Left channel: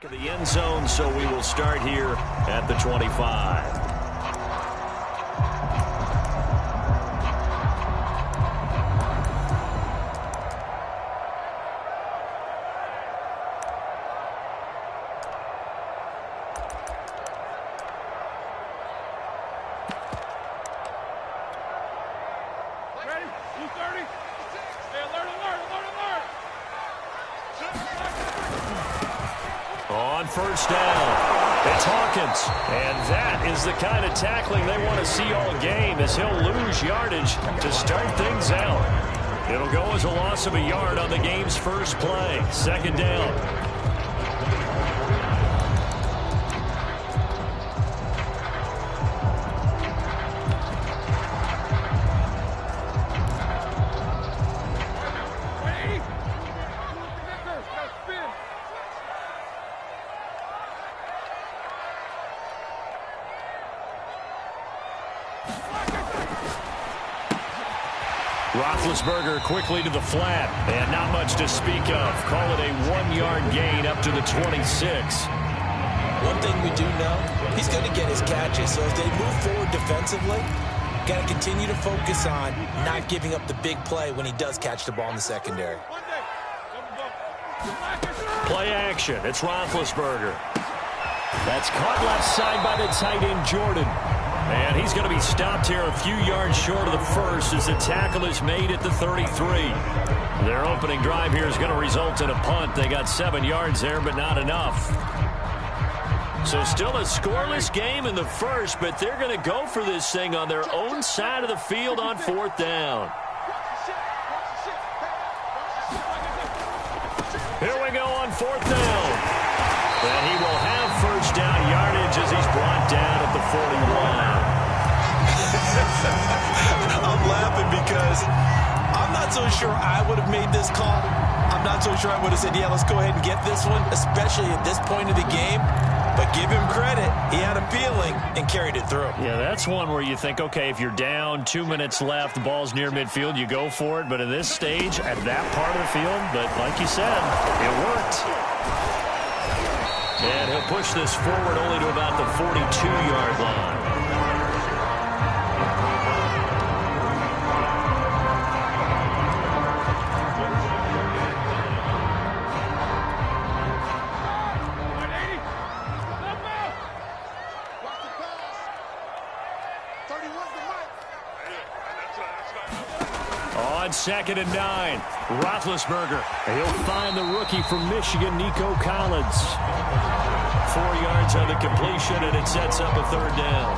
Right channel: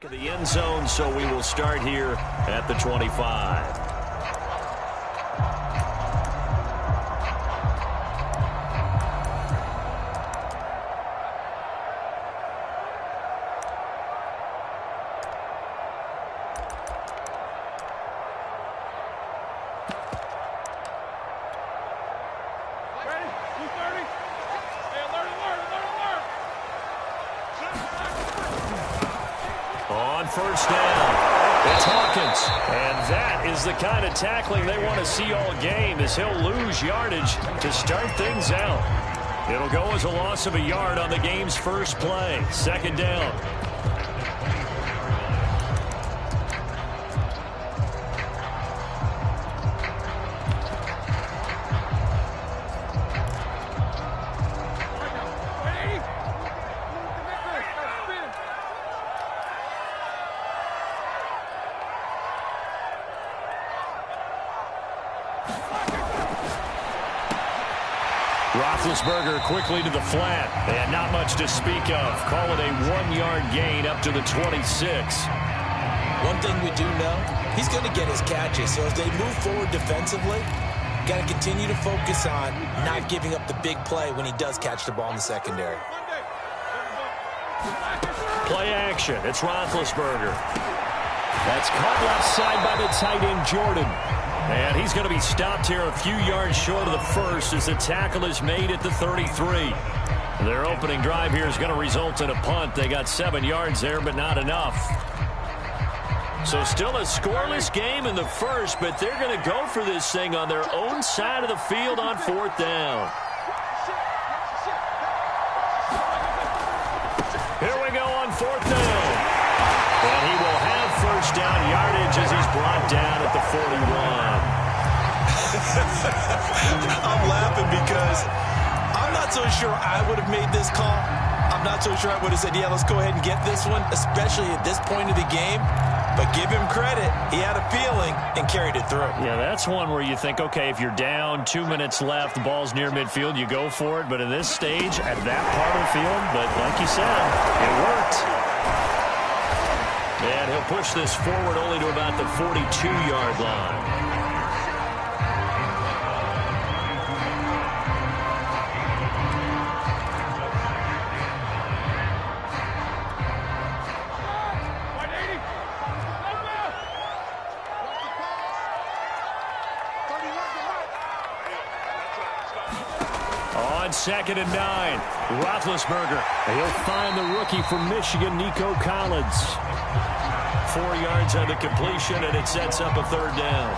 Back of the end zone, so we will start here at the 25. On first down, it's Hawkins. And that is the kind of tackling they want to see all game, as he'll lose yardage to start things out. It'll go as a loss of a yard on the game's first play. Second down. Roethlisberger quickly to the flat, and not much to speak of. Call it a 1-yard gain up to the 26. One thing we do know, he's going to get his catches. So as they move forward defensively, got to continue to focus on not giving up the big play when he does catch the ball in the secondary. Play action. It's Roethlisberger. That's caught left side by the tight end, Jordan. And he's going to be stopped here a few yards short of the first as the tackle is made at the 33. Their opening drive here is going to result in a punt. They got 7 yards there, but not enough. So still a scoreless game in the first, but they're going to go for this thing on their own side of the field on fourth down. Here we go on fourth down. And he will have first down yardage as he's brought down at the 41. I'm laughing because I'm not so sure I would have made this call. I'm not so sure I would have said, yeah, let's go ahead and get this one, especially at this point of the game. But give him credit. He had a feeling and carried it through. Yeah, that's one where you think, okay, if you're down, 2 minutes left, the ball's near midfield, you go for it. But at this stage, at that part of the field, but like you said, it worked. And he'll push this forward only to about the 42-yard line. On 2nd and 9, Roethlisberger. He'll find the rookie from Michigan, Nico Collins. 4 yards on the completion, and it sets up a third down.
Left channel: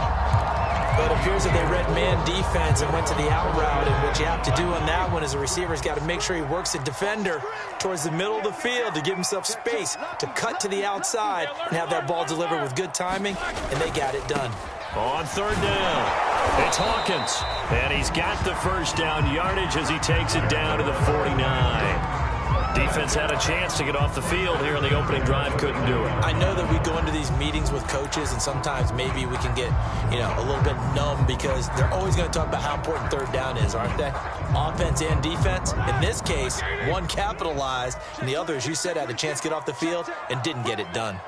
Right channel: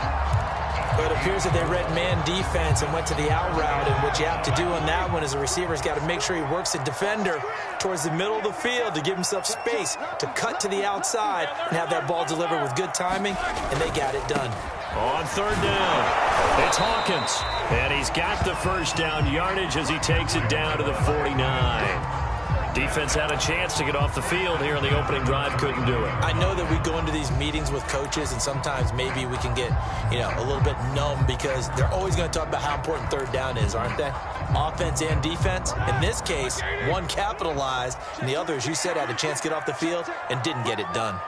But it appears that they read man defense and went to the out route, and what you have to do on that one is the receiver's got to make sure he works the defender towards the middle of the field to give himself space to cut to the outside and have that ball delivered with good timing, and they got it done. On third down, it's Hawkins, and he's got the first down yardage as he takes it down to the 49. Defense had a chance to get off the field here in the opening drive, couldn't do it. I know that we go into these meetings with coaches, and sometimes maybe we can get, a little bit numb because they're always going to talk about how important third down is, aren't they? Offense and defense. In this case, one capitalized, and the other, as you said, had a chance to get off the field and didn't get it done.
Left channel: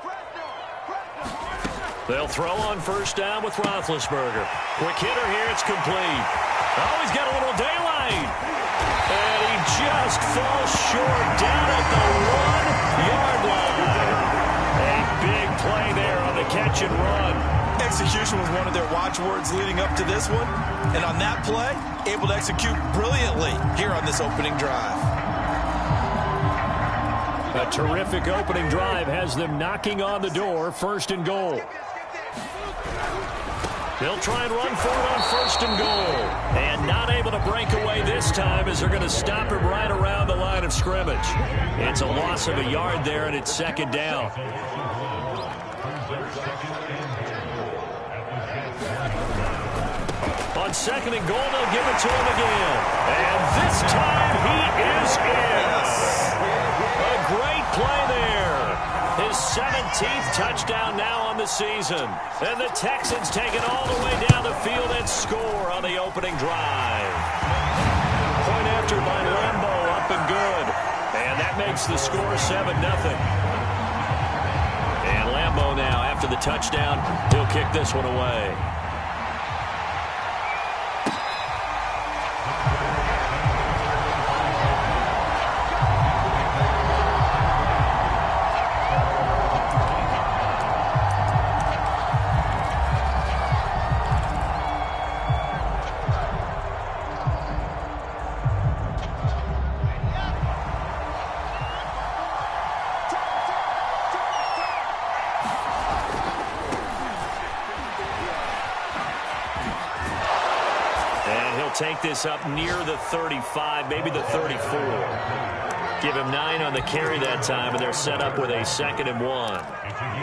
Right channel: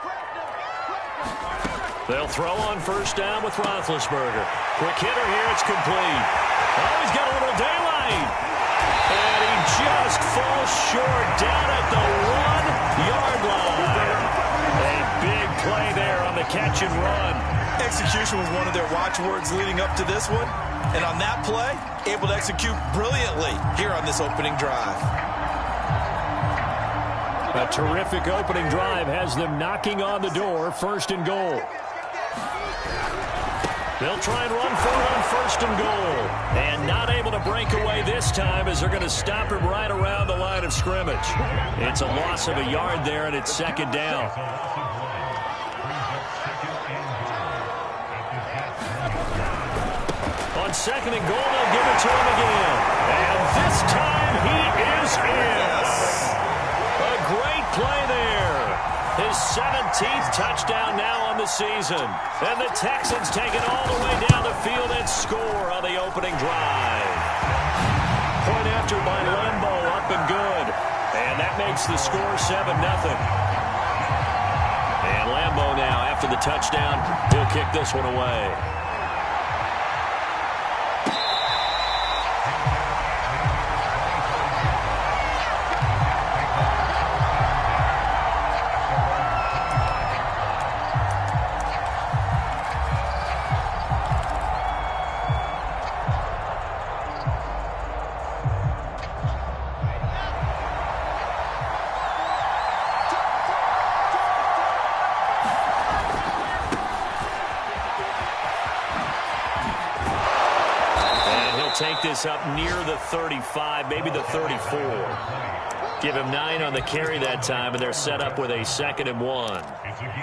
They'll throw on first down with Roethlisberger. Quick hitter here, it's complete. Oh, he's got a little daylight. And he just falls short down at the 1-yard line. A big play there on the catch and run. Execution was one of their watchwords leading up to this one. And on that play, able to execute brilliantly here on this opening drive. A terrific opening drive has them knocking on the door, 1st and goal. They'll try and run for it on 1st and goal. And not able to break away this time as they're going to stop him right around the line of scrimmage. It's a loss of a yard there, and it's 2nd down. On 2nd and goal, they'll give it to him again. And this time he is in. A great play there. His 17th touchdown now on the season. And the Texans take it all the way down the field and score on the opening drive. Point after by Lambeau, up and good. And that makes the score 7-0. And Lambeau now, after the touchdown, he'll kick this one away. Take this up near the 35, maybe the 34. Give him 9 on the carry that time, and they're set up with a 2nd and 1.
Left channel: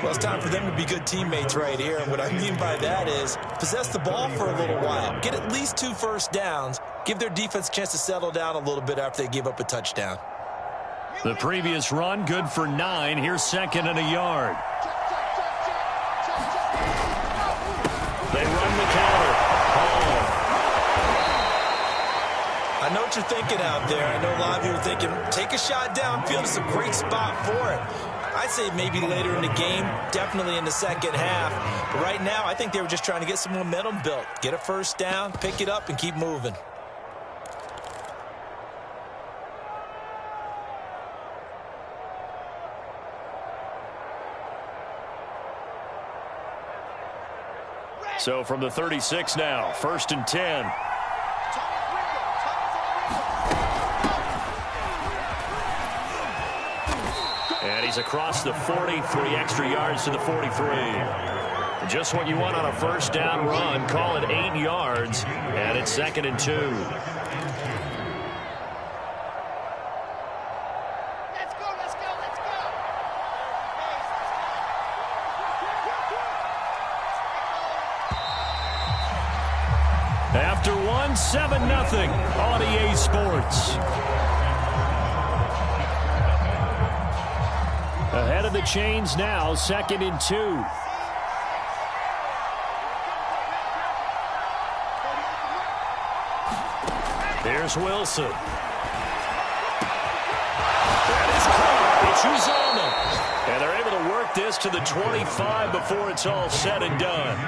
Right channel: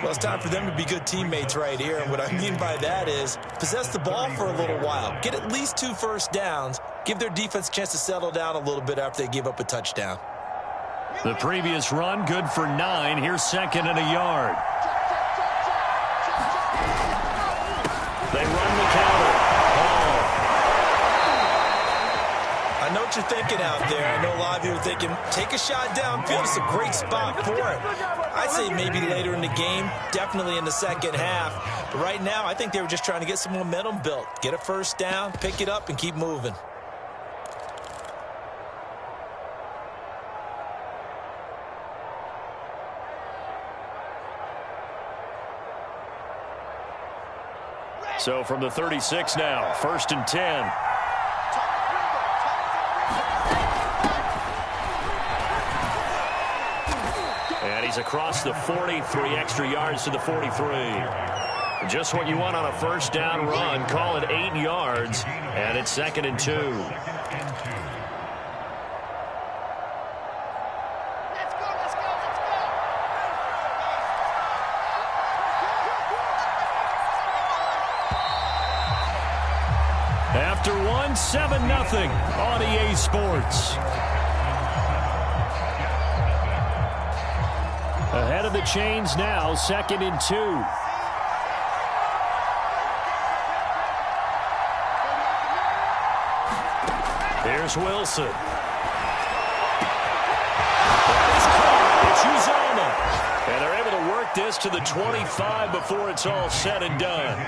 Well, it's time for them to be good teammates right here, and what I mean by that is possess the ball for a little while, get at least 2 first downs, give their defense a chance to settle down a little bit after they give up a touchdown. The previous run, good for 9. Here's 2nd and a yard. They run the counter. I know what you're thinking out there. I know a lot of you are thinking, take a shot downfield. It's a great spot for it. I'd say maybe later in the game, definitely in the second half. But right now, I think they were just trying to get some momentum built. Get a first down, pick it up, and keep moving. So from the 36 now, 1st and 10. And he's across the 40, 3 extra yards to the 43. Just what you want on a first down run. Call it 8 yards, and it's 2nd and 2. Let's go, let's go, let's go. After 1, 7-0 on EA Sports. Ahead of the chains now, 2nd and 2. Here's Wilson. That is caught. It's Uzomah. And they're able to work this to the 25 before it's all said and done.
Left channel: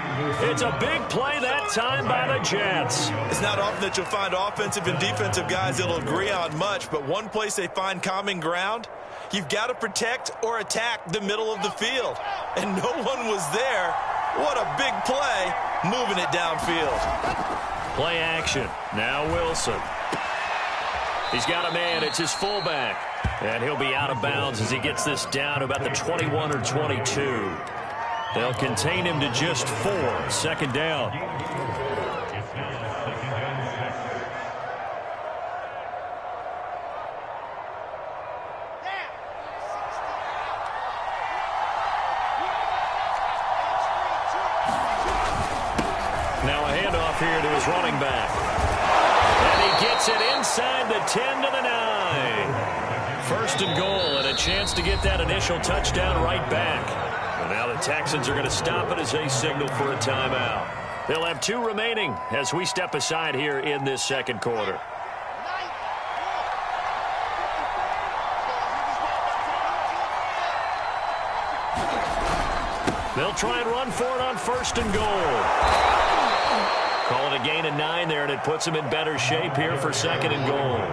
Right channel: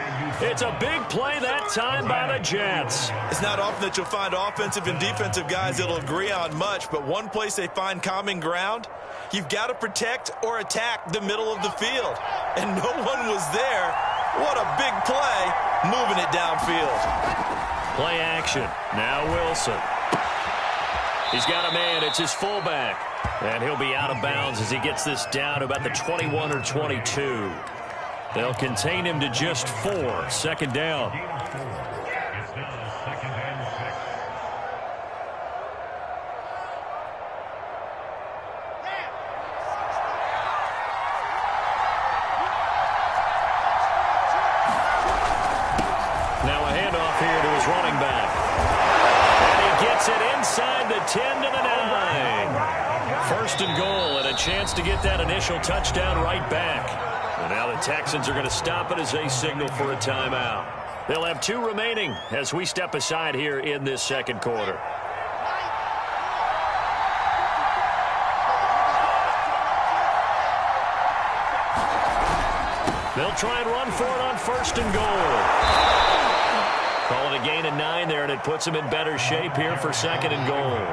It's a big play that time by the Jets. It's not often that you'll find offensive and defensive guys that'll agree on much, but one place they find common ground, you've got to protect or attack the middle of the field. And no one was there. What a big play, moving it downfield. Play action. Now Wilson. He's got a man. It's his fullback. And he'll be out of bounds as he gets this down to about the 21 or 22. They'll contain him to just 4. 2nd down. Now a handoff here to his running back. And he gets it inside the 10 to the 9. 1st and goal, and a chance to get that initial touchdown right back. And now the Texans are going to stop it as they signal for a timeout. They'll have 2 remaining as we step aside here in this 2nd quarter. They'll try and run for it on 1st and goal. Call it a gain of 9 there, and it puts them in better shape here for 2nd and goal.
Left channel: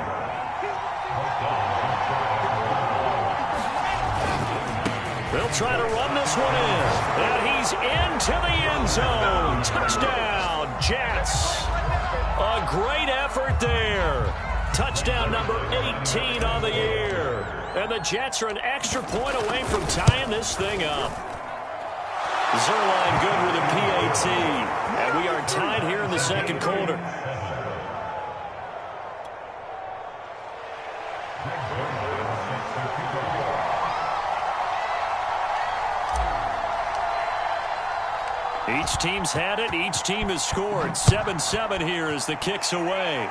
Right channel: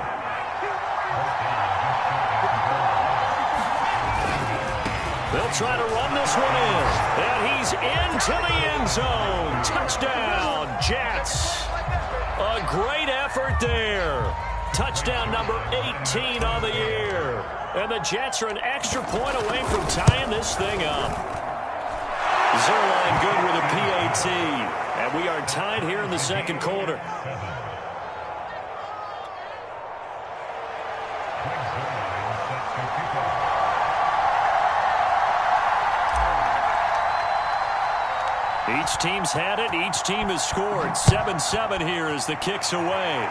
They'll try to run this one in. And he's into the end zone. Touchdown, Jets. A great effort there. Touchdown number 18 on the year. And the Jets are an extra point away from tying this thing up. Zerline good with a PAT. And we are tied here in the 2nd quarter. Each team's had it. Each team has scored. 7-7 here as the kick's away.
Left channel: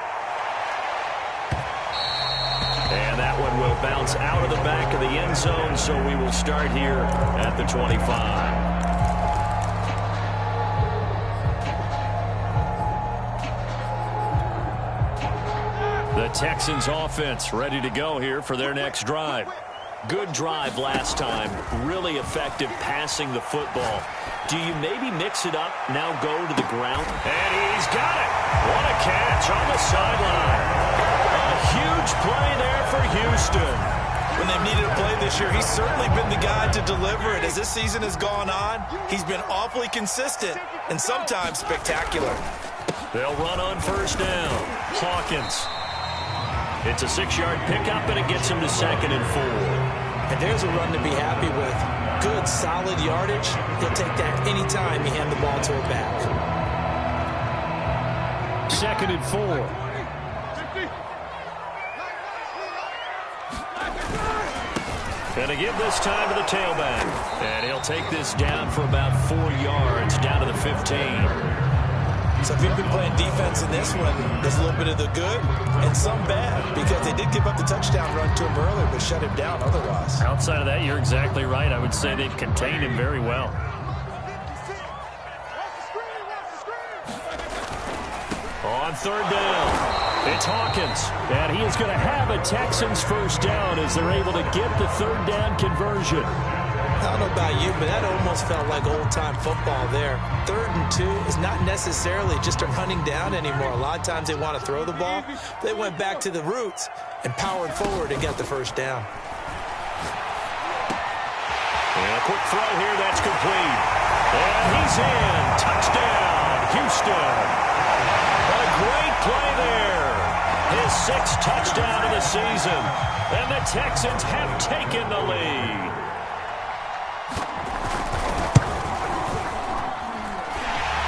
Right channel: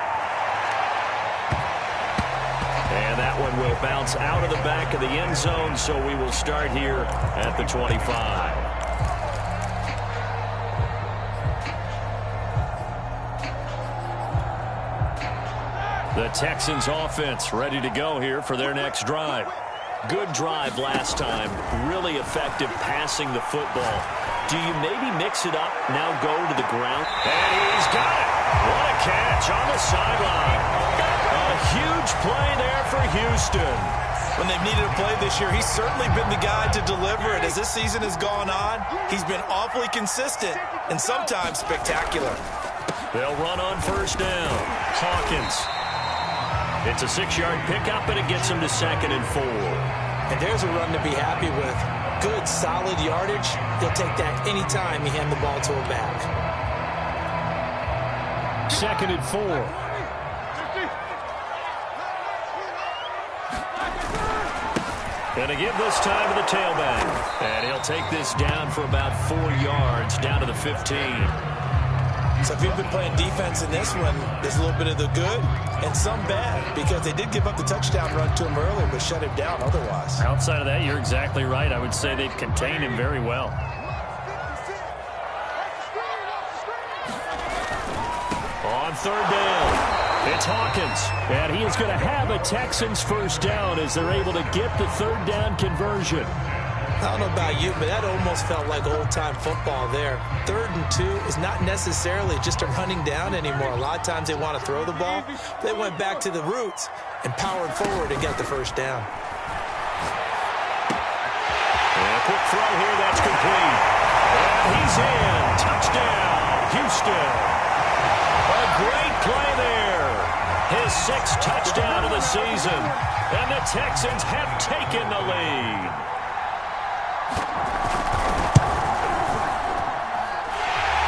And that one will bounce out of the back of the end zone, so we will start here at the 25. The Texans offense ready to go here for their next drive. Good drive last time. Really effective passing the football. Do you maybe mix it up, now go to the ground? And he's got it. What a catch on the sideline. A huge play there for Houston. When they've needed a play this year, he's certainly been the guy to deliver it. As this season has gone on, he's been awfully consistent and sometimes spectacular. They'll run on first down. Hawkins. It's a 6-yard pickup, and it gets him to 2nd and 4. And there's a run to be happy with. Good, solid yardage. He'll take that anytime you hand the ball to a back. 2nd and 4. And a give this time to the tailback. And he'll take this down for about 4 yards, down to the 15. So if you've been playing defense in this one, there's a little bit of the good and some bad, because they did give up the touchdown run to him earlier, but shut him down otherwise. Outside of that, you're exactly right. I would say they've contained him very well. On 3rd down, it's Hawkins. And he is going to have a Texans first down as they're able to get the 3rd down conversion. I don't know about you, but that almost felt like old-time football there. 3rd and 2 is not necessarily just a running down anymore. A lot of times they want to throw the ball. They went back to the roots and powered forward and got the first down. And a quick throw here, that's complete. And he's in. Touchdown, Houston. A great play there. His 6th touchdown of the season. And the Texans have taken the lead.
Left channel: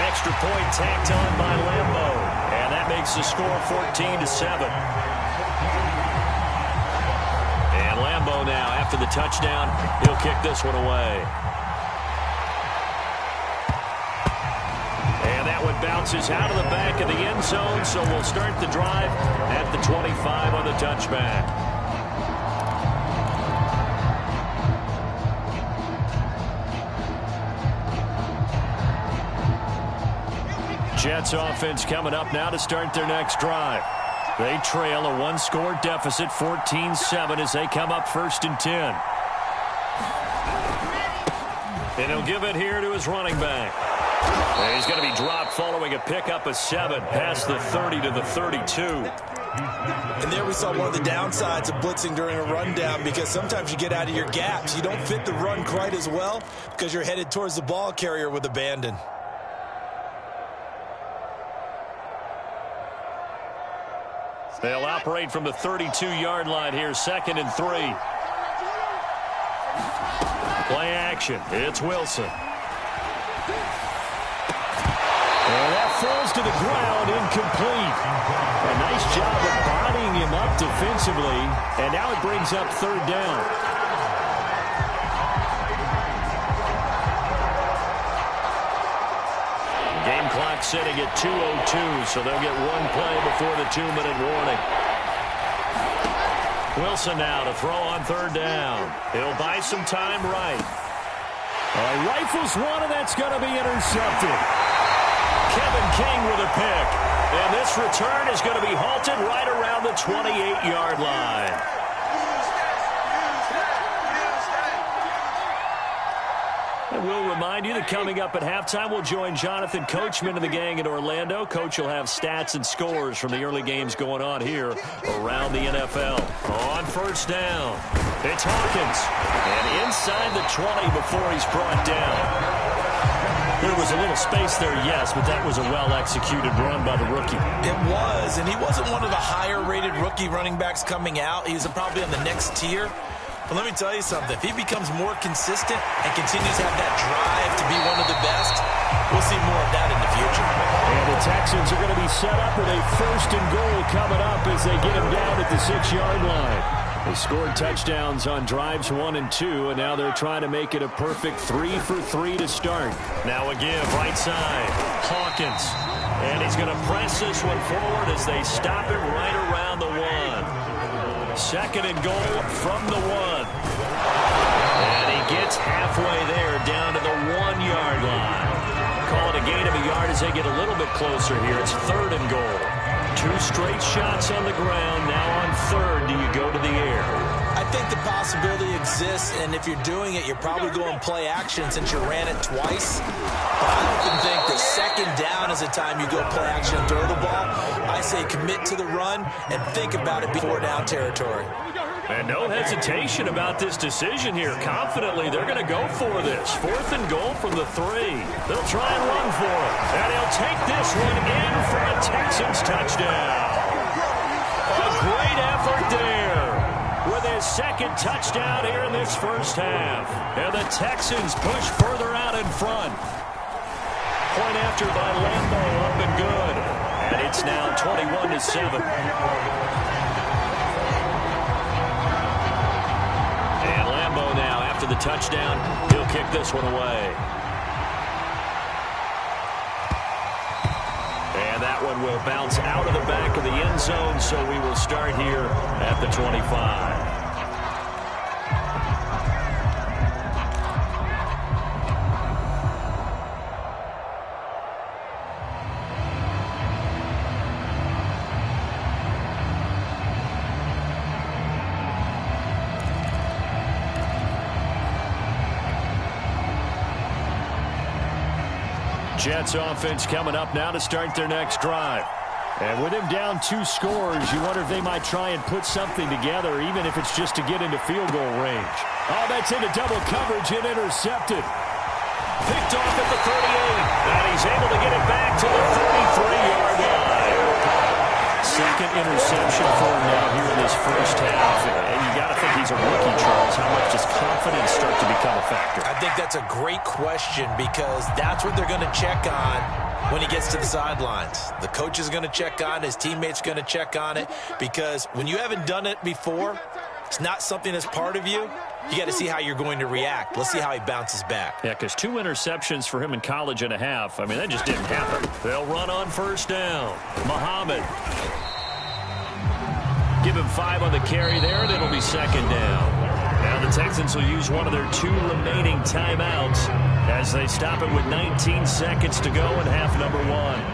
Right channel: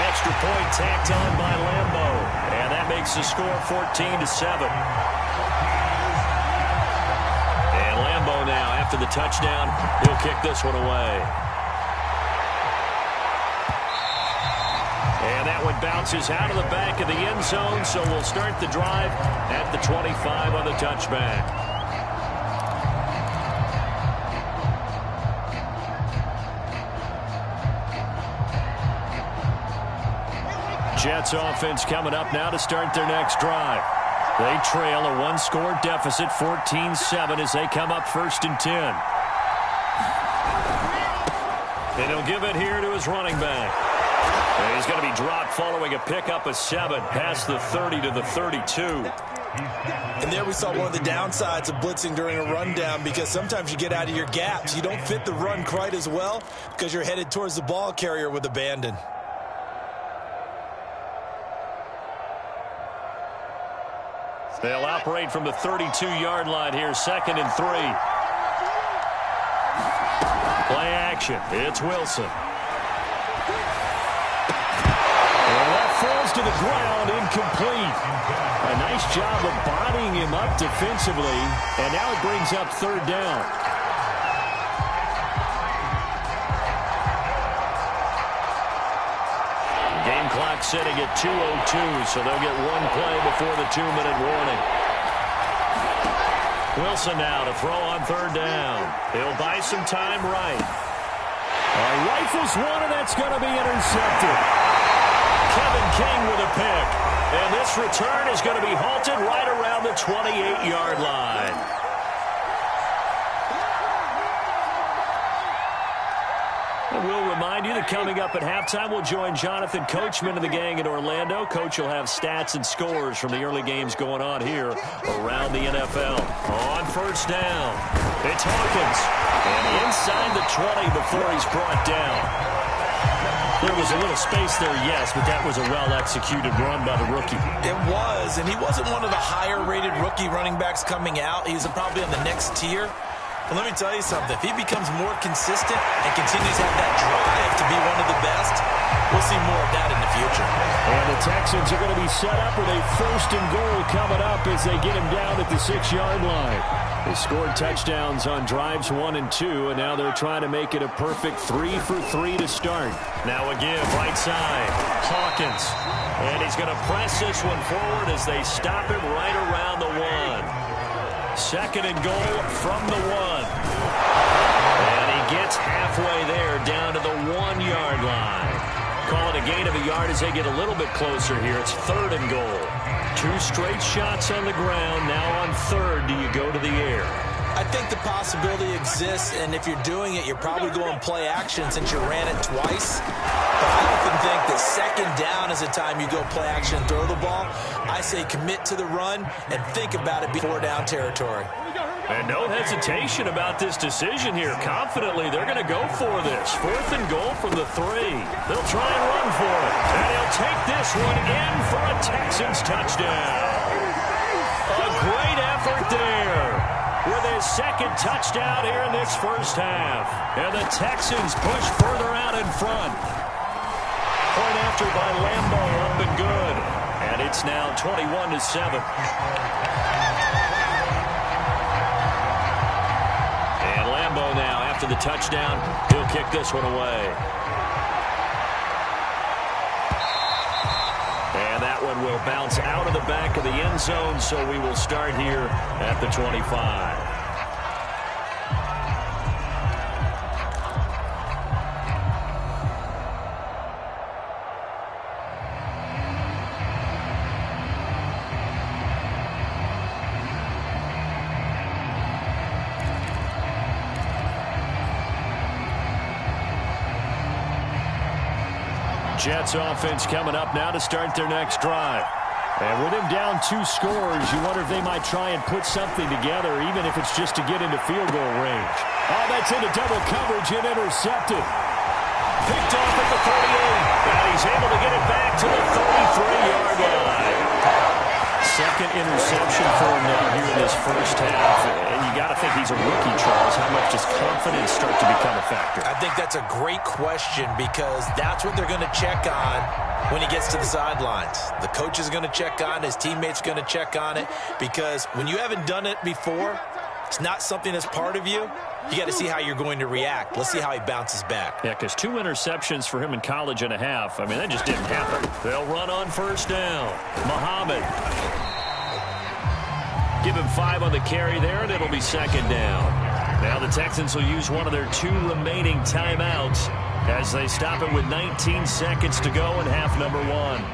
Extra point tacked on by Lambeau. And that makes the score 14-7. And Lambeau now, after the touchdown, he'll kick this one away. And that one bounces out of the back of the end zone, so we'll start the drive at the 25 on the touchback. Jets offense coming up now to start their next drive. They trail a 1-score deficit, 14-7, as they come up 1st and 10. And he'll give it here to his running back. And he's going to be dropped following a pickup of 7 past the 30 to the 32. And there we saw one of the downsides of blitzing during a rundown, because sometimes you get out of your gaps. You don't fit the run quite as well because you're headed towards the ball carrier with abandon. They'll operate from the 32-yard line here, 2nd and 3. Play action. It's Wilson. And that falls to the ground, incomplete. A nice job of bodying him up defensively, and now it brings up 3rd down. Game clock sitting at 2:02, so they'll get one play before the 2-minute warning. Wilson now to throw on 3rd down. He'll buy some time right. He rifles one, and that's going to be intercepted. Kevin King with a pick. And this return is going to be halted right around the 28-yard line. And we'll remind you that coming up at halftime, we'll join Jonathan Coachman and the gang in Orlando. Coach will have stats and scores from the early games going on here around the NFL. On 1st down, it's Hawkins. And inside the 20 before he's brought down. There was a little space there, yes, but that was a well-executed run by the rookie. It was, and he wasn't one of the higher-rated rookie running backs coming out. He was probably on the next tier. But let me tell you something. If he becomes more consistent and continues to have that drive to be one of the best, we'll see more of that in the future. And the Texans are going to be set up with a 1st and goal coming up as they get him down at the 6-yard line. They scored touchdowns on drives 1 and 2, and now they're trying to make it a perfect 3 for 3 to start. Now a give, right side, Hawkins. And he's going to press this one forward as they stop him right around the 1. 2nd and goal from the 1. And he gets halfway there down to the 1-yard line. Call it a gain of a yard as they get a little bit closer here. It's 3rd and goal. 2 straight shots on the ground. Now on 3rd, do you go to the air? I think the possibility exists, and if you're doing it, you're probably going play action since you ran it twice. But I often think that second down is the time you go play action and throw the ball. I say commit to the run and think about it before down territory. And no hesitation about this decision here. Confidently, they're going to go for this. 4th and goal from the 3. They'll try and run for it. And he'll take this one in for a Texans touchdown. A great effort there with his second touchdown here in this first half. And the Texans push further out in front. Point after by Lambo, up and good. And it's now 21-7. And Lambo now, after the touchdown, he'll kick this one away. And that one will bounce out of the back of the end zone, so we will start here at the 25. Jets offense coming up now to start their next drive. And with him down 2 scores, you wonder if they might try and put something together, even if it's just to get into field goal range. Oh, that's into double coverage and intercepted. Picked off at the 38. And he's able to get it back to the 33-yard line. Second interception for him now here in this first half. And you got to think he's a rookie, Charles. How much does confidence start to become a factor? I think that's a great question because that's what they're going to check on when he gets to the sidelines. The coach is going to check on it. His teammates are going to check on it because when you haven't done it before, it's not something that's part of you. You got to see how you're going to react. Let's see how he bounces back. Yeah, because 2 interceptions for him in college and a half. I mean, that just didn't happen. They'll run on first down. Muhammad. Give him 5 on the carry there, and it'll be second down. Now the Texans will use one of their 2 remaining timeouts as they stop it with 19 seconds to go in half number 1.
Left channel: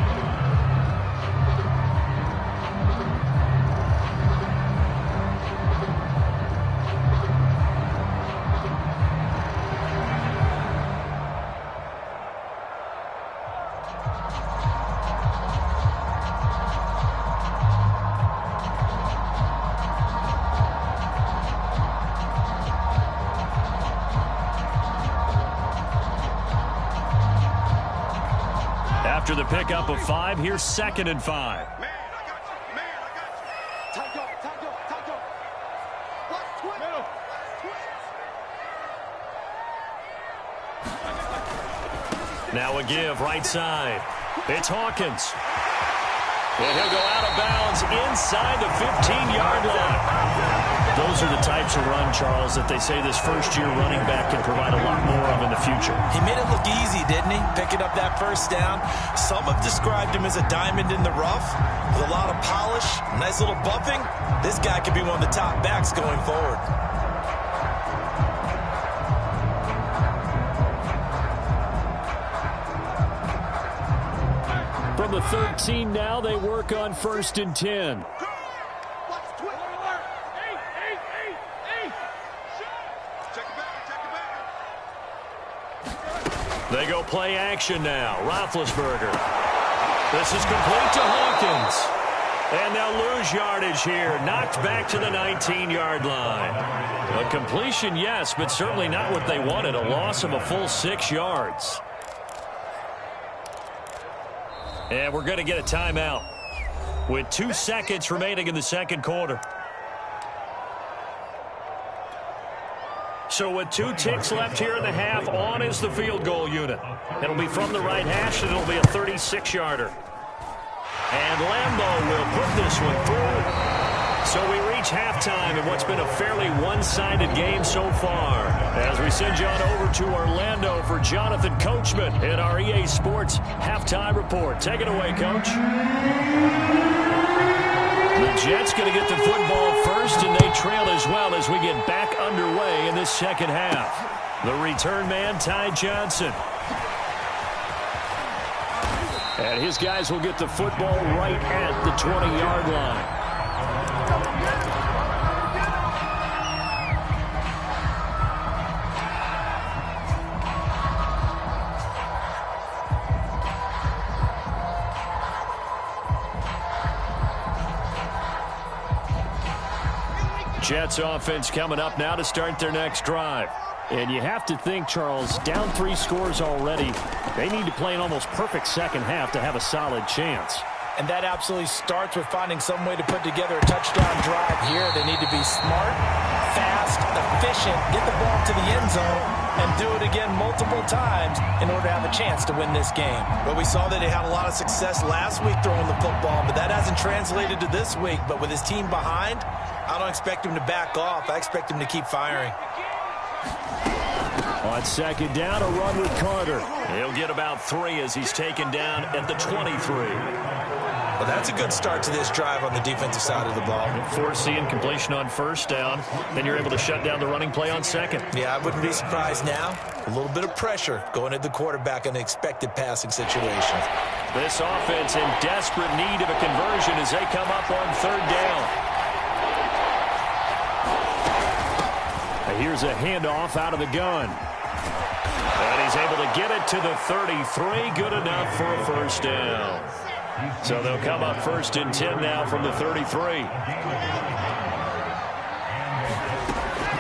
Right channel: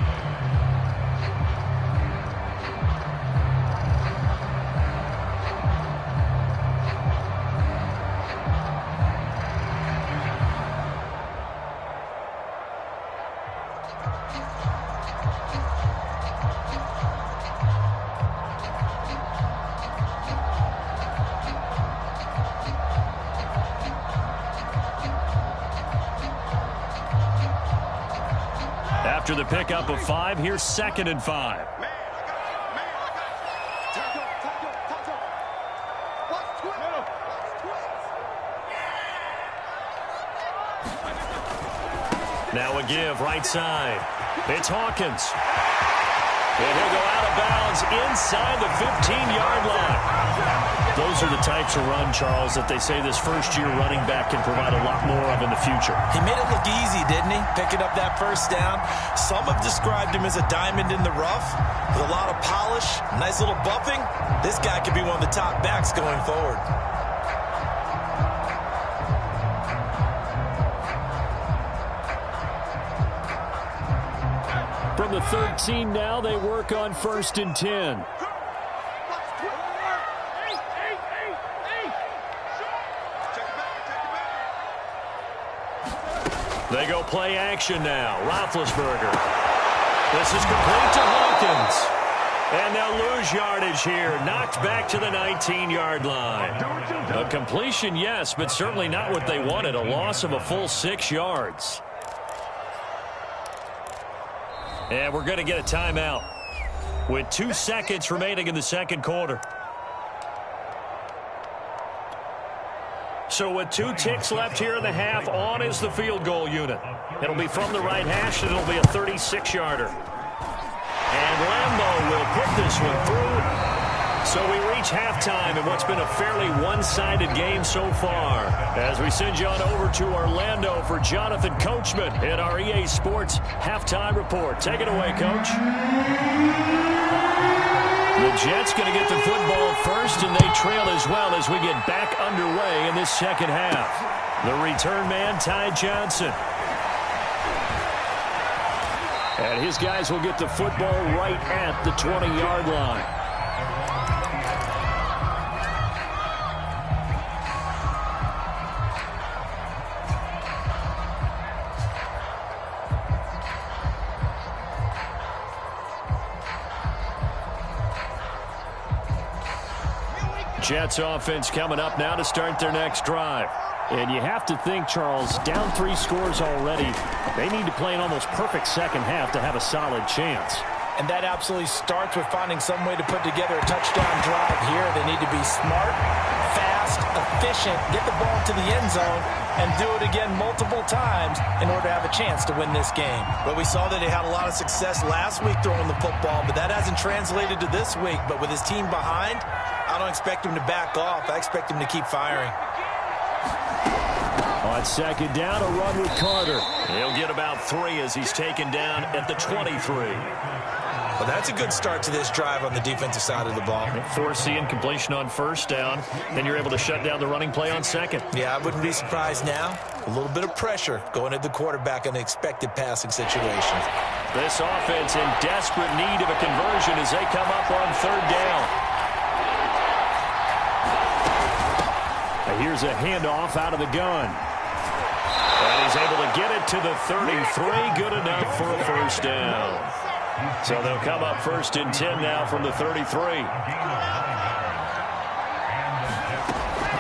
After the pickup of 5, here's 2nd and 5. Man, I got you. Man, I got you. Time go. Watch twins. Watch twins. Now a give, right side. It's Hawkins. And he'll go out of bounds inside the 15-yard line. Those are the types of run, Charles, that they say this first-year running back can provide a lot more of in the future. He made it look easy, didn't he? Picking up that first down. Some have described him as a diamond in the rough with a lot of polish, nice little buffing. This guy could be one of the top backs going forward. From the 13 now, they work on 1st and 10. They go play action now. Roethlisberger. This is complete to Hawkins. And they'll lose yardage here. Knocked back to the 19-yard line. A completion, yes, but certainly not what they wanted. A loss of a full 6 yards. And we're going to get a timeout with 2 seconds remaining in the second quarter. So with 2 ticks left here in the half, on is the field goal unit. It'll be from the right hash, and it'll be a 36-yarder. And Lambo will put this one through. So we reach halftime in what's been a fairly one-sided game so far. As we send you on over to Orlando for Jonathan Coachman in our EA Sports Halftime Report. Take it away, Coach. The Jets going to get the football first, and they trail as well as we get back underway in this second half. The return man, Ty Johnson. And his guys will get the football right at the 20-yard line. Jets offense coming up now to start their next drive. And you have to think, Charles, down 3 scores already. They need to play an almost perfect second half to have a solid chance. And that absolutely starts with finding some way to put together a touchdown drive here. They need to be smart, fast, efficient, get the ball to the end zone, and do it again multiple times in order to have a chance to win this game. But we saw that they had a lot of success last week throwing the football, but that hasn't translated to this week. But with his team behind, I don't expect him to back off. I expect him to keep firing. On second down, a run with Carter. He'll get about 3 as he's taken down at the 23. Well, that's a good start to this drive on the defensive side of the ball. Forcing completion on first down. Then you're able to shut down the running play on second. Yeah, I wouldn't be surprised now. A little bit of pressure going at the quarterback in expected passing situations. This offense in desperate need of a conversion as they come up on third down. Here's a handoff out of the gun. And he's able to get it to the 33. Good enough for a first down. So they'll come up 1st and 10 now from the 33.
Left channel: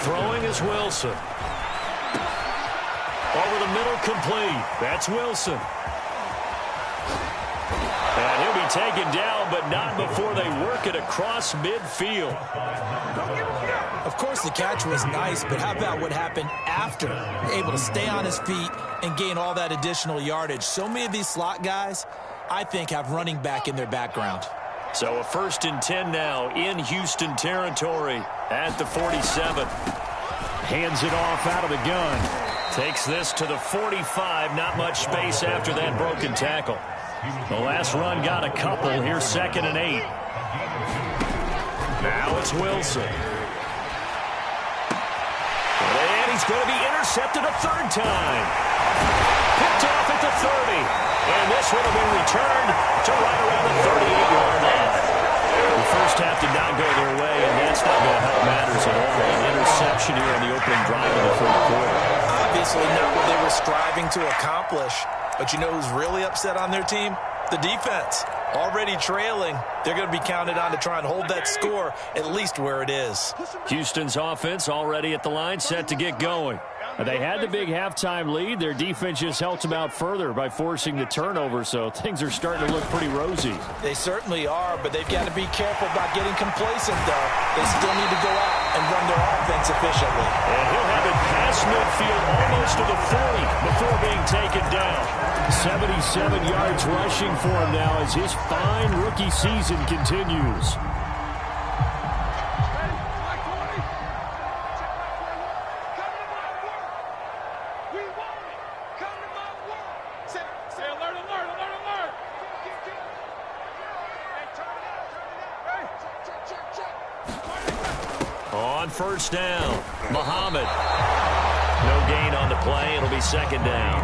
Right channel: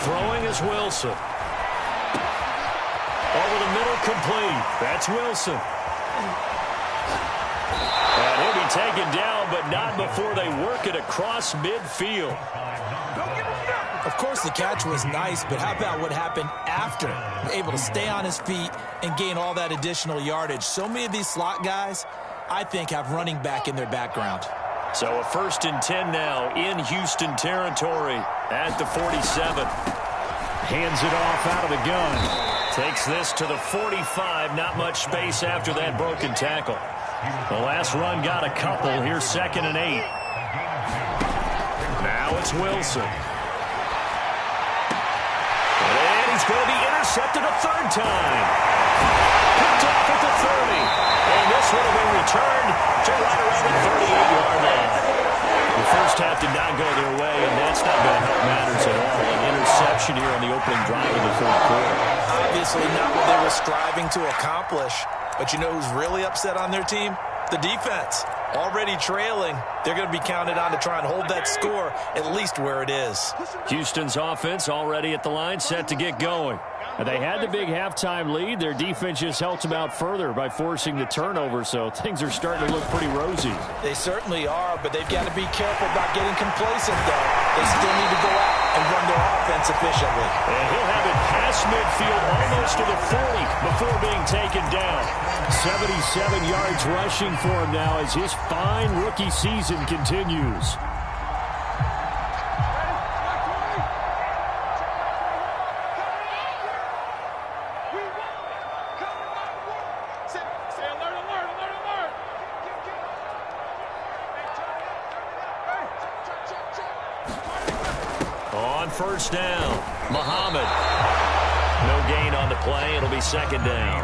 Throwing is Wilson. Over the middle, complete. That's Wilson. And he'll be taken down, but not before they work it across midfield. Of course, the catch was nice, but how about what happened after? Able to stay on his feet and gain all that additional yardage. So many of these slot guys, I think, have running back in their background. So a 1st and 10 now in Houston territory at the 47. Hands it off out of the gun. Takes this to the 45. Not much space after that broken tackle. The last run got a couple. Here's 2nd and 8. Now it's Wilson. And he's going to be intercepted a 3rd time. Picked off at the 30. And this one will be returned to right around the 38-yard line. The first half did not go their way, and that's not going to help matters at all. An interception here on the opening drive of the 3rd quarter. Obviously not what they were striving to accomplish. But you know who's really upset on their team? The defense. Already trailing. They're going to be counted on to try and hold that score at least where it is. Houston's offense already at the line, set to get going. They had the big halftime lead. Their defense just helped them out further by forcing the turnover, so things are starting to look pretty rosy. They certainly are, but they've got to be careful about getting complacent, though. They still need to go out and run their offense efficiently. And he'll have it past midfield almost to the 40 before being taken down. 77 yards rushing for him now as his fine rookie season continues. On first down, Muhammad. No gain on the play. It'll be 2nd down.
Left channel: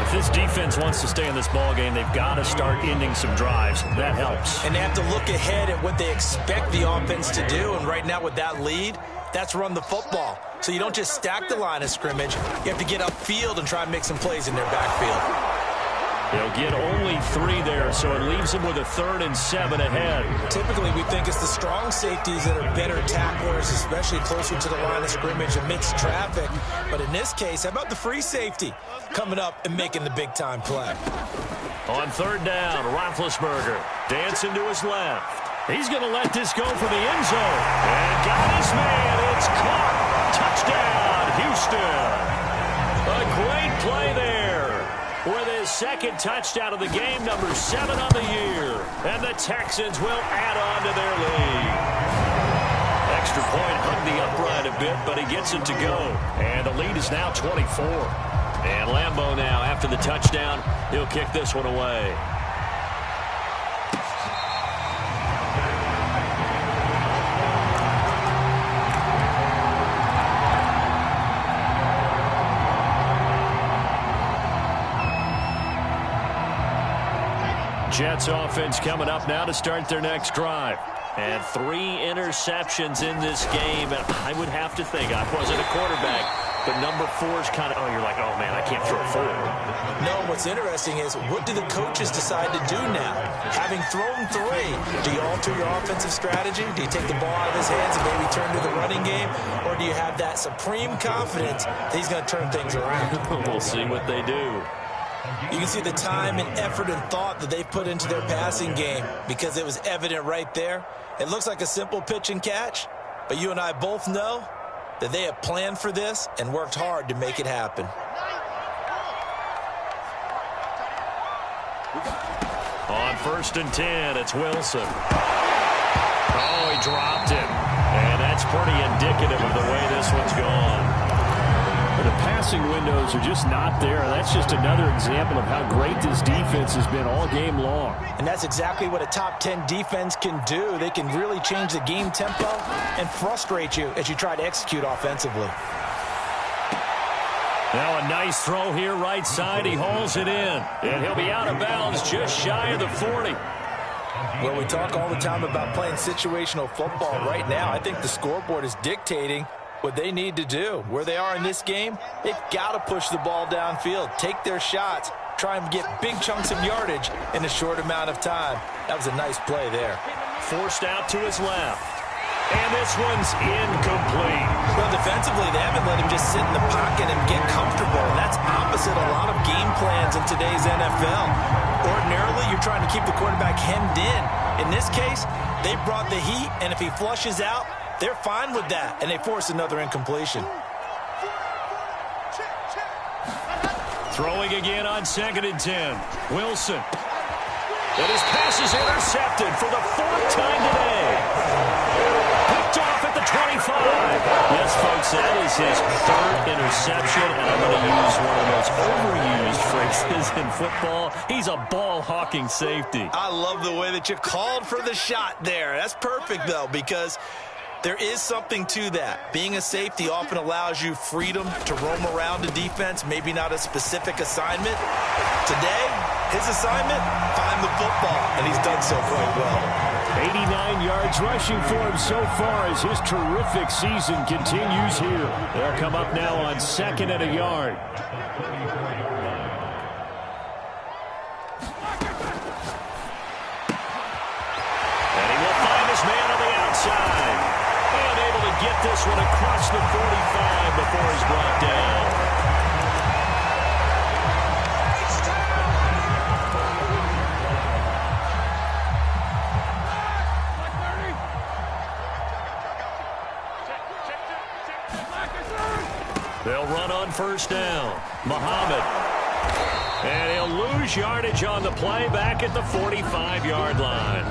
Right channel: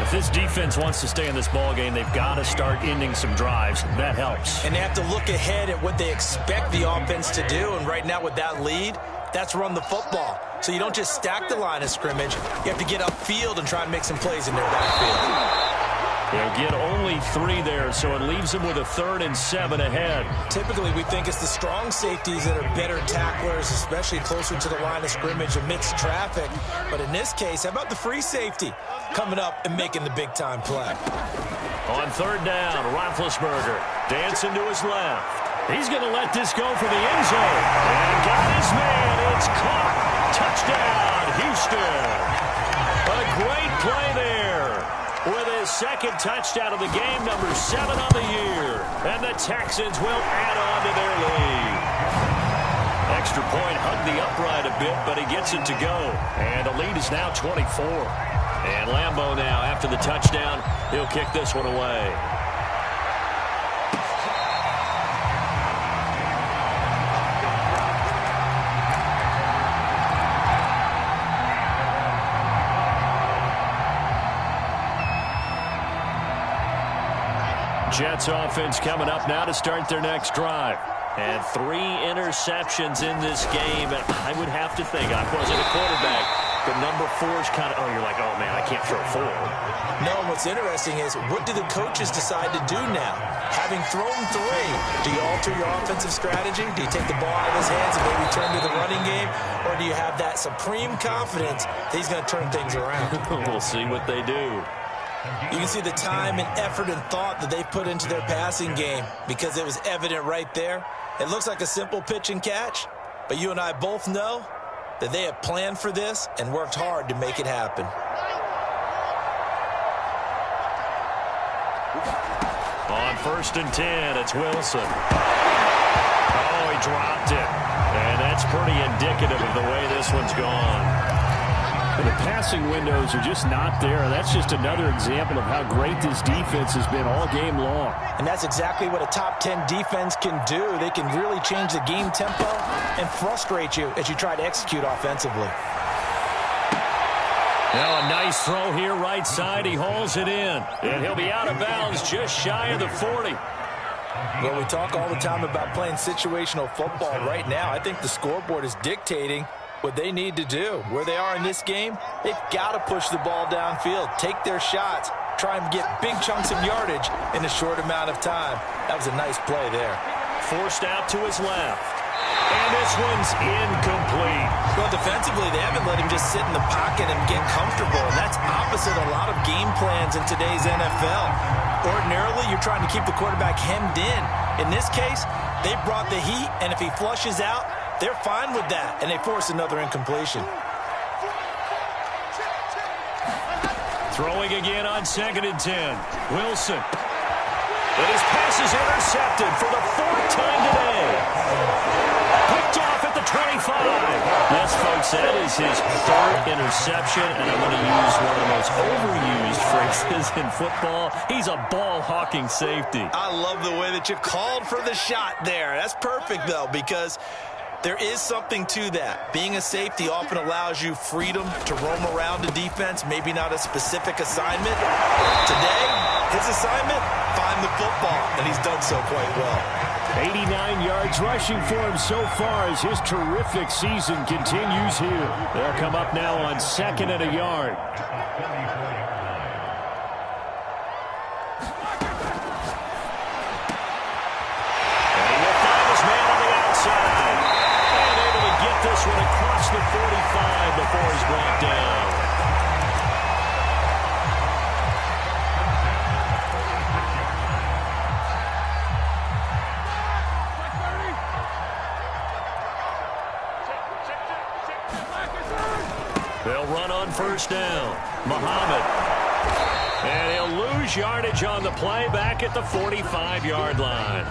If this defense wants to stay in this ball game, they've got to start ending some drives. That helps. And they have to look ahead at what they expect the offense to do. And right now with that lead, that's run the football. So you don't just stack the line of scrimmage. You have to get upfield and try and make some plays in their backfield. They'll get only 3 there, so it leaves them with a 3rd and 7 ahead. Typically, we think it's the strong safeties that are better tacklers, especially closer to the line of scrimmage amidst traffic. But in this case, how about the free safety coming up and making the big-time play? On 3rd down, Roethlisberger dancing to his left. He's going to let this go for the end zone. And got his man. It's caught. Touchdown, Houston. A great play there. With his 2nd touchdown of the game, number 7 on the year. And the Texans will add on to their lead. Extra point hugged the upright a bit, but he gets it to go. And the lead is now 24. And Lambeau now, after the touchdown, he'll kick this one away. Jets offense coming up now to start their next drive. And 3 interceptions in this game. And I would have to think, I wasn't a quarterback, but number 4 is kind of, oh, you're like, oh, man, I can't throw 4. No, what's interesting is, what do the coaches decide to do now? Having thrown 3, do you alter your offensive strategy? Do you take the ball out of his hands and maybe turn to the running game? Or do you have that supreme confidence that he's going to turn things around? We'll see what they do. You can see the time and effort and thought that they put into their passing game because it was evident right there. It looks like a simple pitch and catch, but you and I both know that they have planned for this and worked hard to make it happen. On 1st and 10, it's Wilson. Oh, he dropped it. And that's pretty indicative of the way this one's gone. The passing windows are just not there. That's just another example of how great this defense has been all game long. And that's exactly what a top 10 defense can do. They can really change the game tempo and frustrate you as you try to execute offensively. Now a nice throw here right side. He hauls it in. And he'll be out of bounds just shy of the 40. Well, we talk all the time about playing situational football. Right now, I think the scoreboard is dictating what they need to do. Where they are in this game, they've got to push the ball downfield, take their shots, try and get big chunks of yardage in a short amount of time. That was a nice play there. Forced out to his left. And this one's incomplete. Well, defensively, they haven't let him just sit in the pocket and get comfortable. And that's opposite a lot of game plans in today's NFL. Ordinarily, you're trying to keep the quarterback hemmed in. In this case, they brought the heat, and if he flushes out, they're fine with that, and they force another incompletion. Throwing again on 2nd and 10. Wilson. And his pass is intercepted for the 4th time today. Picked off at the 25. Yes, folks, that is his 3rd interception, and I'm going to use one of the most overused phrases in football. He's a ball-hawking safety. I love the way that you called for the shot there. That's perfect, though, because there is something to that. Being a safety often allows you freedom to roam around the defense, maybe not a specific assignment. Today, his assignment, find the football, and he's done so quite well. 89 yards rushing for him so far as his terrific season continues here. They'll come up now on 2nd and a yard. And he will find his man on the outside. And able to get this one across the 45 before he's brought down. They'll run on 1st down. Muhammad. And he'll lose yardage on the play back at the 45-yard line.